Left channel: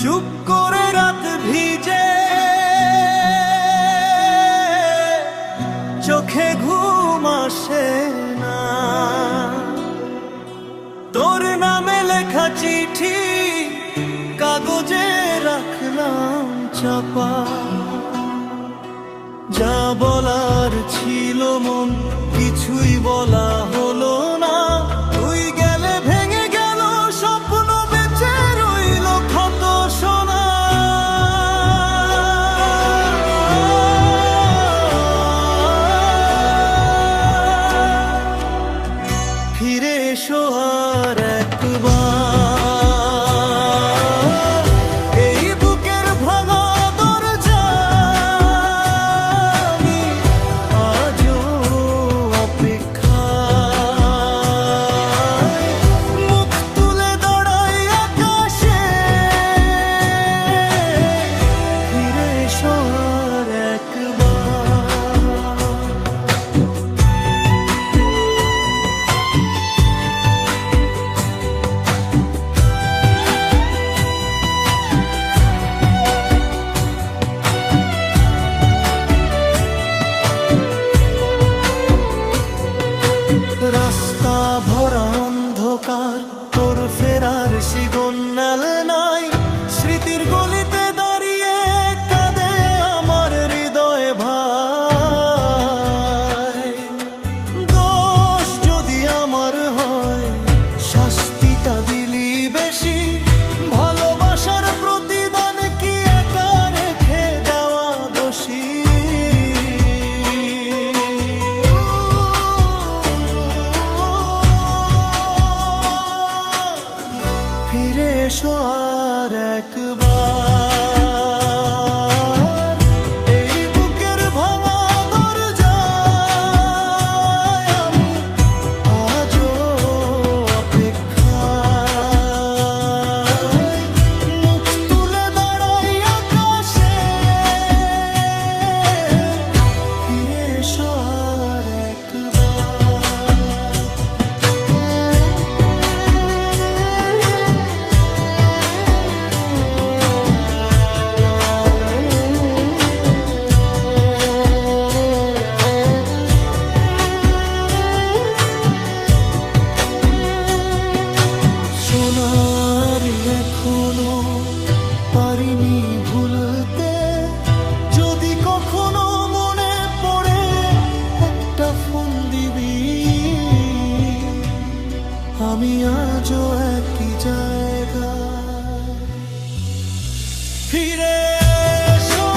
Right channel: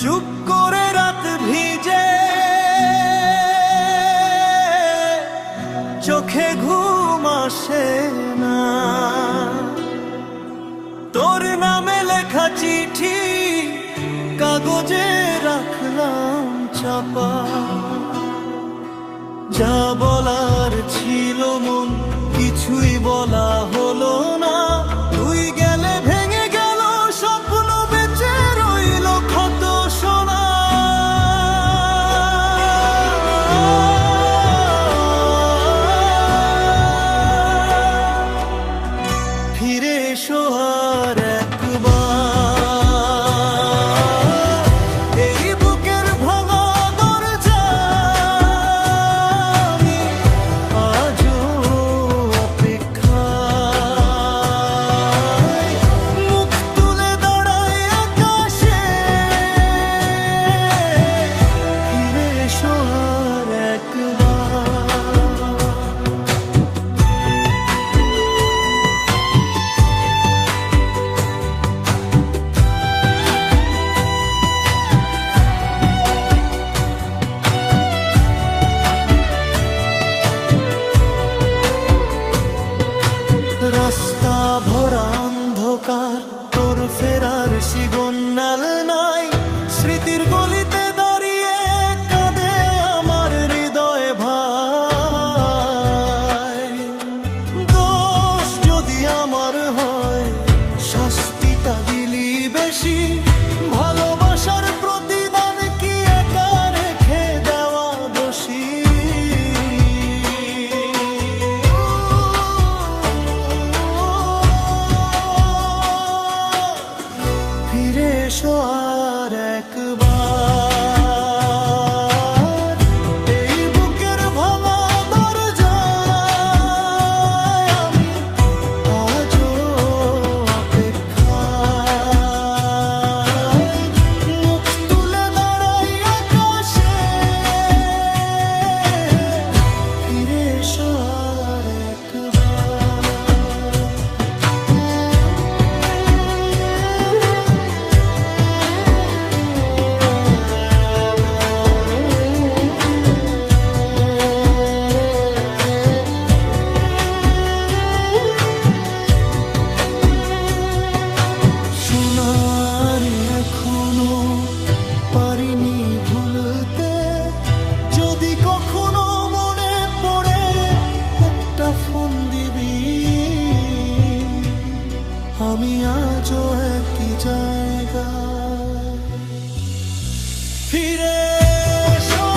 চুপ করে রাত ভিজে, চোখে ঘুম আসে না। তোর নামে লেখা চিঠি কাগজে রাখলাম চাপা। যা বলার ছিল মন কিছুই বলা হলো না। তুই গেলে ভেঙে গেল স্বপ্ন, বেঁচে রইল ক্ষত সোনা। ফিরে এসো আর একবার, এই বুকের ভাঙা দরজা আমি আজও অপেক্ষায়। মুখ তুলে দাঁড়াই আকাশে, ফিরে এসো আর একবার। রাস্তা ভরা অন্ধকার, তোর ফেরার সিগন্যাল নাই। স্মৃতির গলিতে দাঁড়িয়ে কাঁদে আমার হৃদয় ভাই। দোষ যদি আমার হয়, শাস্তিটা দিলি বেশি। ভালোবাসার প্রতিদান কি একা রেখে দেওয়া দোষী? ফিরে এসো আর একবার, এই বুকের ভাঙা দরজায় আমি আজও অপেক্ষায়। মুখ তুলে দাঁড়াই আকাশে, ফিরে এসো আর একবার। সোনার এখনো পারিনি ভুলতে। যদি কখনো মনে পড়ে একটা ফোন দিবি। আমি আজও একই জায়গায়, ফিরে এসো।